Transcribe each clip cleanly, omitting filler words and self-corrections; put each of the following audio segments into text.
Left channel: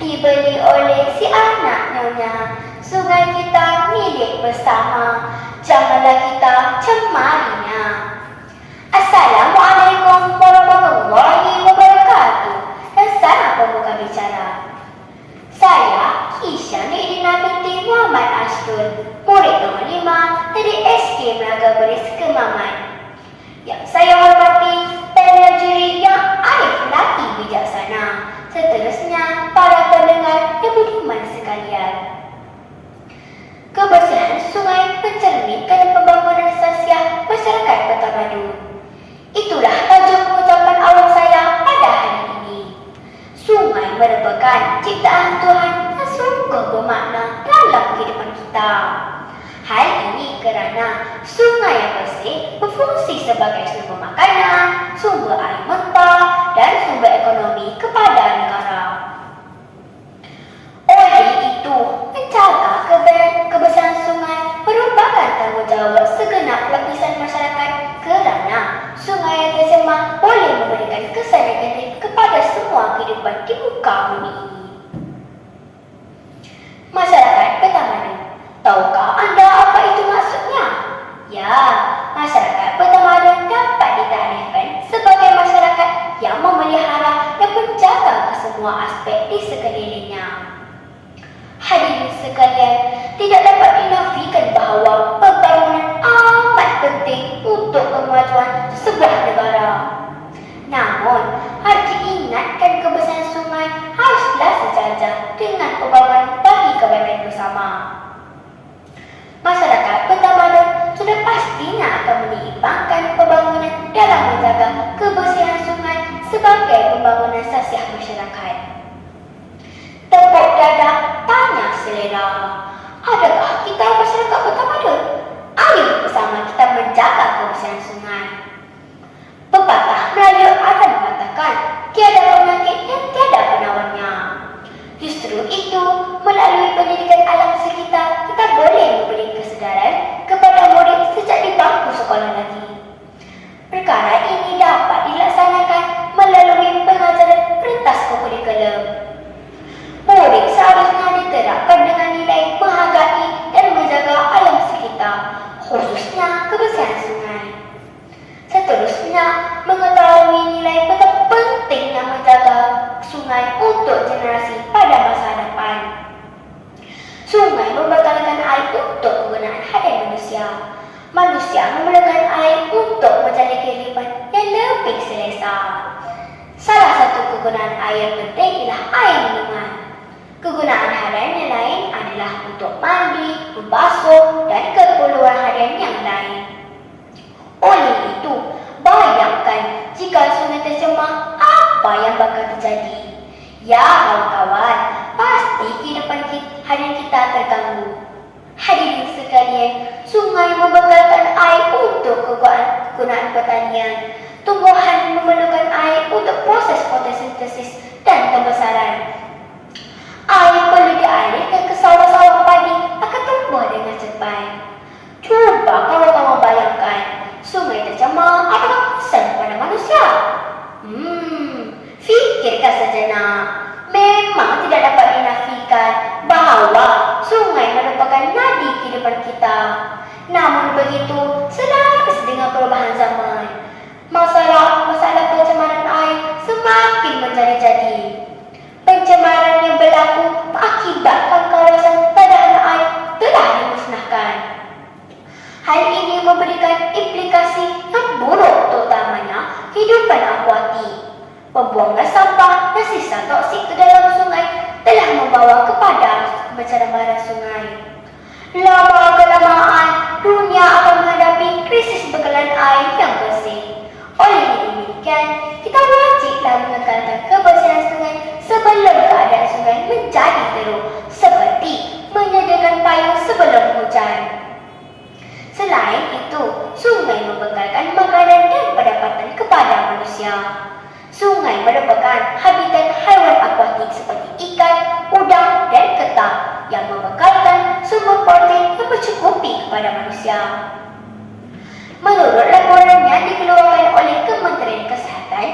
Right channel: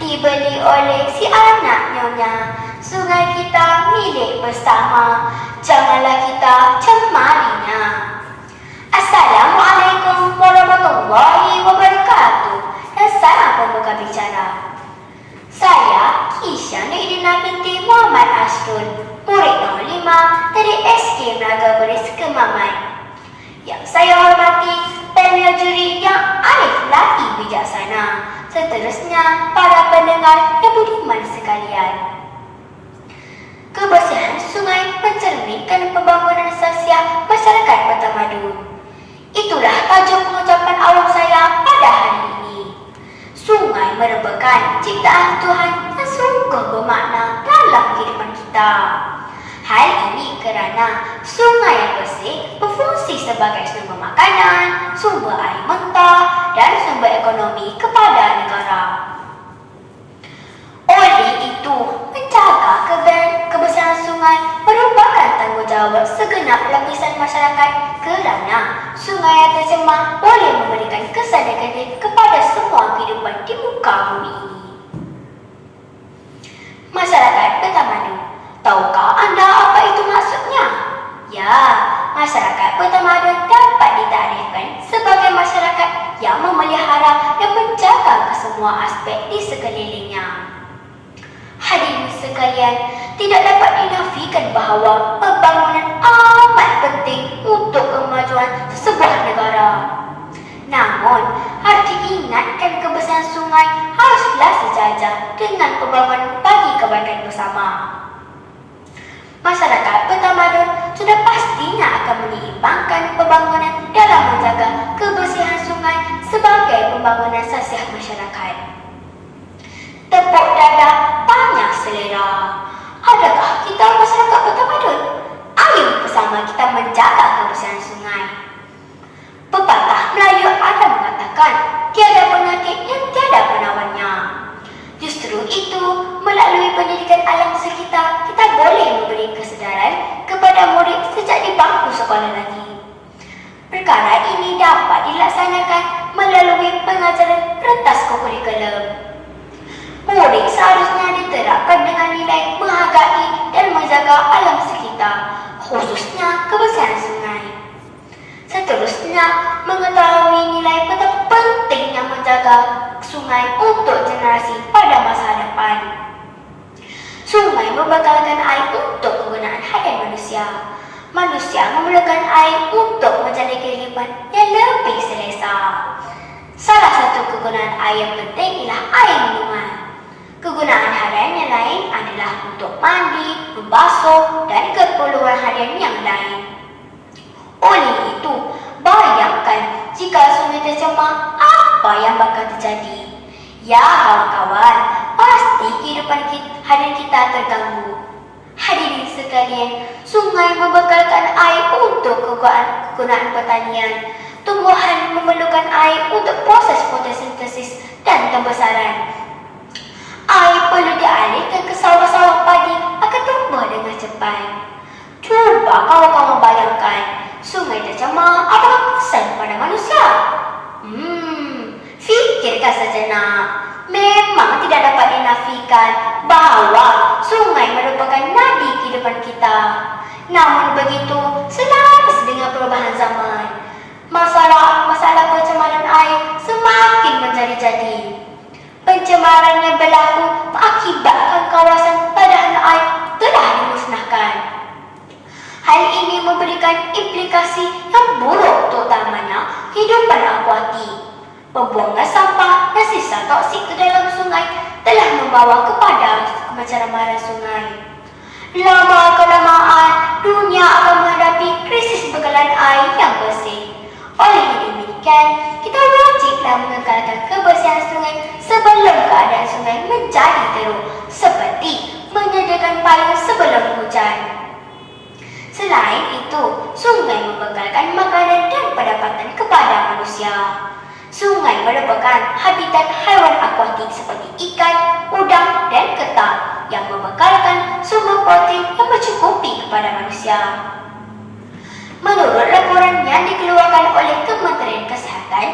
dibeli oleh si anak nyonya. Sungai kita milik bersama, janganlah kita cemarinya. Assalamualaikum warahmatullahi wabarakatuh. Dan salam pembuka bicara. Saya Kisha Nidina binti Muhammad Asrul, murid nombor 5 dari SK Melaga Beris Kemaman. Yang saya hormati panel juri yang arif lagi bijaksana. Seterusnya para pendengar yang budiman sekalian. Kebersihan sungai mencerminkan pembangunan sosial masyarakat bertamadun. Itulah tajuk pengucapan awal saya pada hari ini. Sungai merupakan ciptaan Tuhan yang sungguh bermakna dalam kehidupan kita. Hal ini kerana sungai yang bersih berfungsi sebagai sumber makanan, sumber air mentah dan sumber ekonomi kepada negara. Oleh itu, menjaga kebersihan sungai merupakan tanggungjawab segenap lapisan masyarakat kerana sungai yang tercemar boleh memberikan kesan negatif kepada semua kehidupan di muka bumi ini. Masyarakat bertamadun, tahukah anda apa itu maksudnya? Ya, masyarakat bertamadun dapat ditarifkan sebagai masyarakat yang memelihara dan menjaga kesemua aspek di sekelilingnya. Hadirin sekalian, tidak dapat dinafikan bahawa pembangunan amat penting untuk kemajuan sebuah negara. Namun, harus diingatkan kebersihan sungai haruslah sejajar dengan pembangunan bagi kebaikan bersama. Masyarakat bertamadun sudah pastinya akan menyeimbangkan pembangunan dalam menjaga kebersihan sungai sebagai pembangunan sosial masyarakat. Tepuk dada, banyak selera. Adakah kita masyarakat bertamadun? Ayo bersama kita menjaga kebersihan sungai. Pepatah Melayu ada mengatakan, tiada penyakit yang tiada penawarnya. Justru itu, melalui pendidikan alam sekitar, kita boleh memberi kesedaran kepada murid sejak di bangku sekolah lagi. Perkara ini dapat dilaksanakan melalui pengajaran rentas kurikulum. Murid seharusnya diterapkan dengan nilai menghargai dan menjaga alam sekitar, khususnya kebersihan sungai. Seterusnya, mengetahui nilai betapa pentingnya menjaga sungai untuk generasi pada masa depan. Sungai membatalkan air untuk kegunaan harian manusia. Manusia memerlukan air untuk menjalani kehidupan yang lebih selesa. Salah satu kegunaan air yang penting ialah air minuman. Kegunaan harian yang lain adalah untuk mandi, membasuh dan keperluan harian yang lain. Oleh itu, bayangkan jika sungai tercemar, apa yang bakal terjadi? Ya kawan-kawan, pasti kehidupan harian kita terganggu. Hadirin sekalian, sungai membekalkan air untuk kegunaan pertanian. Tumbuhan memerlukan air untuk proses fotosintesis dan pembesaran. Air perlu dialihkan ke sawah-sawah padi akan tumbuh dengan cepat. Cuba kawan-kawan bayangkan, sungai tercemar apakah kesan pada manusia? Fikirkan sejenak. Memang tidak dapat dinafikan bahawa sungai merupakan nadi kehidupan kita. Namun begitu, selaras dengan perubahan zaman, masalah pencemaran air semakin menjadi-jadi. Pencemaran yang berlaku mengakibatkan kawasan padahan air telah dimusnahkan. Hal ini memberikan implikasi yang buruk terutamanya kehidupan akuatik. Pembuangan sampah dan sisa toksik ke dalam sungai telah membawa kepada pencemaran sungai. Lama-kelamaan, dunia akan menghadapi krisis bekalan air yang bersih. Oleh demikian, kita wajiblah mengekalkan kebersihan sungai sebelum keadaan sungai menjadi teruk, seperti menyediakan payung sebelum hujan. Selain itu, sungai membekalkan makanan dan pendapatan kepada manusia. Sungai merupakan habitat haiwan akuatik seperti ikan, udang dan ketam yang membekalkan sumber protein yang mencukupi kepada manusia. Menurut laporan yang dikeluarkan oleh Kementerian Kesihatan,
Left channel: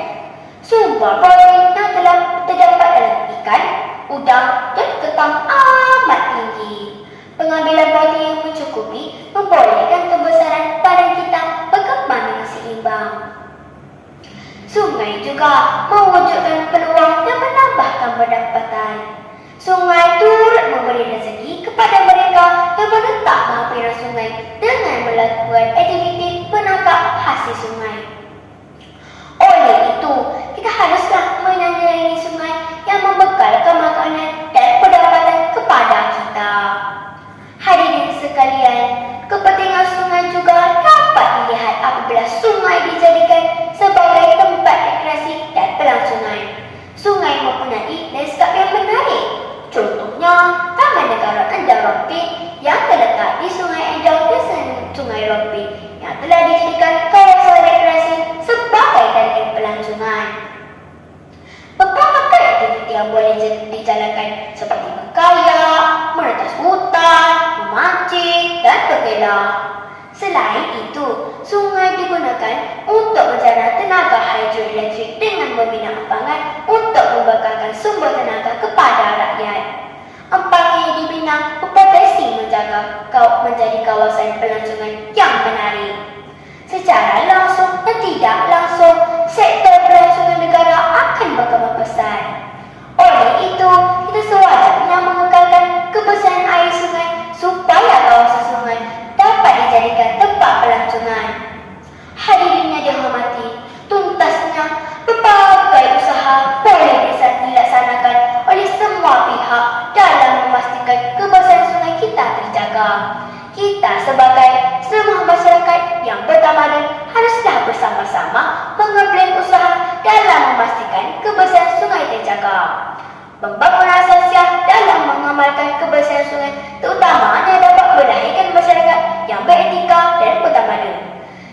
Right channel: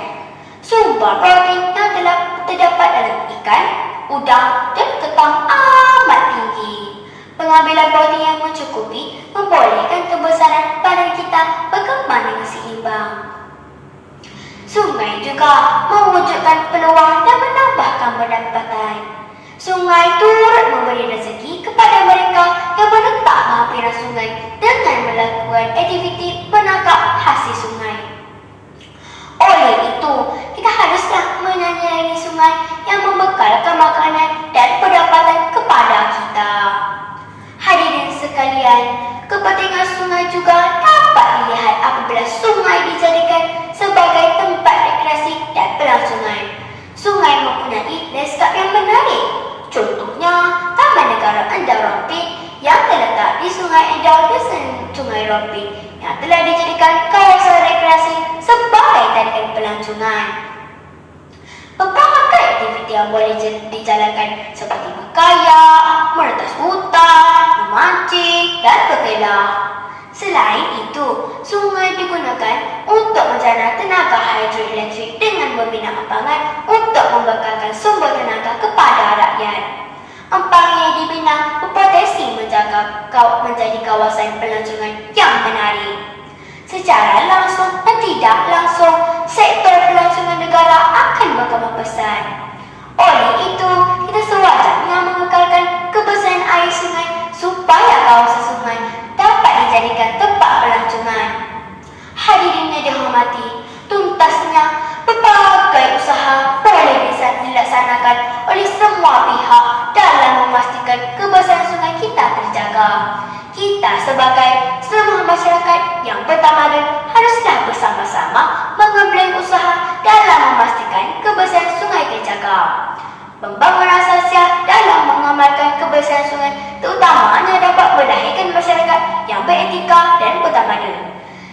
sumber protein yang telah terdapat dalam ikan, udang, dan ketang amat tinggi. Pengambilan protein yang mencukupi membolehkan kebesaran badan kita berkembang dengan seimbang. Sungai juga mewujudkan peluang dan menambahkan pendapatan. Sungai turut memberi rezeki kepada mereka yang menetap berhampiran sungai dengan melakukan aktiviti menangkap hasil sungai. Oleh itu, kita haruslah menyayangi sungai yang membekalkan makanan dan pendapatan kepada kita. Hadirin sekalian, kepentingan sungai juga dapat dilihat apabila sungai dijadikan sebagai tempat rekreasi dan pelangsungan. Sungai mempunyai lanskap yang menarik. Contohnya, Taman Negara Endau Rompin yang terletak di Sungai Endau dan Sungai Rompin yang telah dijadikan kawasan rekreasi sebagai tarikan pelancongan. Pelbagai aktiviti yang boleh dijalankan seperti berkayak, meretas hutan, memancing, dan berkelah. Selain itu, sungai digunakan untuk menjana tenaga hidroelektrik dengan membina empangan untuk membekalkan sumber tenaga kepada rakyat. Empang yang dibina berpotensi menjadi kawasan pelancongan yang menarik. Secara langsung dan tidak langsung, sektor pelancongan negara akan berkembang pesat. Oleh itu, kita sewajarnya mengekalkan kebersihan air sungai supaya kawasan sungai dapat dijadikan tempat pelancongan. Hadirin yang dihormati, tuntasnya berbagai usaha boleh dilaksanakan oleh semua pihak dalam memastikan kebersihan sungai kita terjaga. Kita sebagai semua masyarakat yang bertamadun haruslah bersama-sama mengemban usaha dalam memastikan kebersihan sungai terjaga. Pembangunan sosial dalam mengamalkan kebersihan sungai terutamanya dapat melahirkan masyarakat yang beretika dan bertamadun.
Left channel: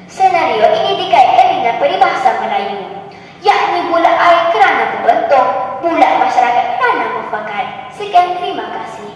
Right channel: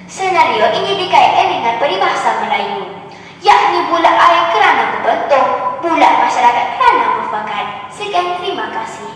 Senario ini dikaitkan dengan peribahasa Melayu, yakni bulat air kerana berbentuk, bulat masyarakat kerana berfakat. Sekian, terima kasih.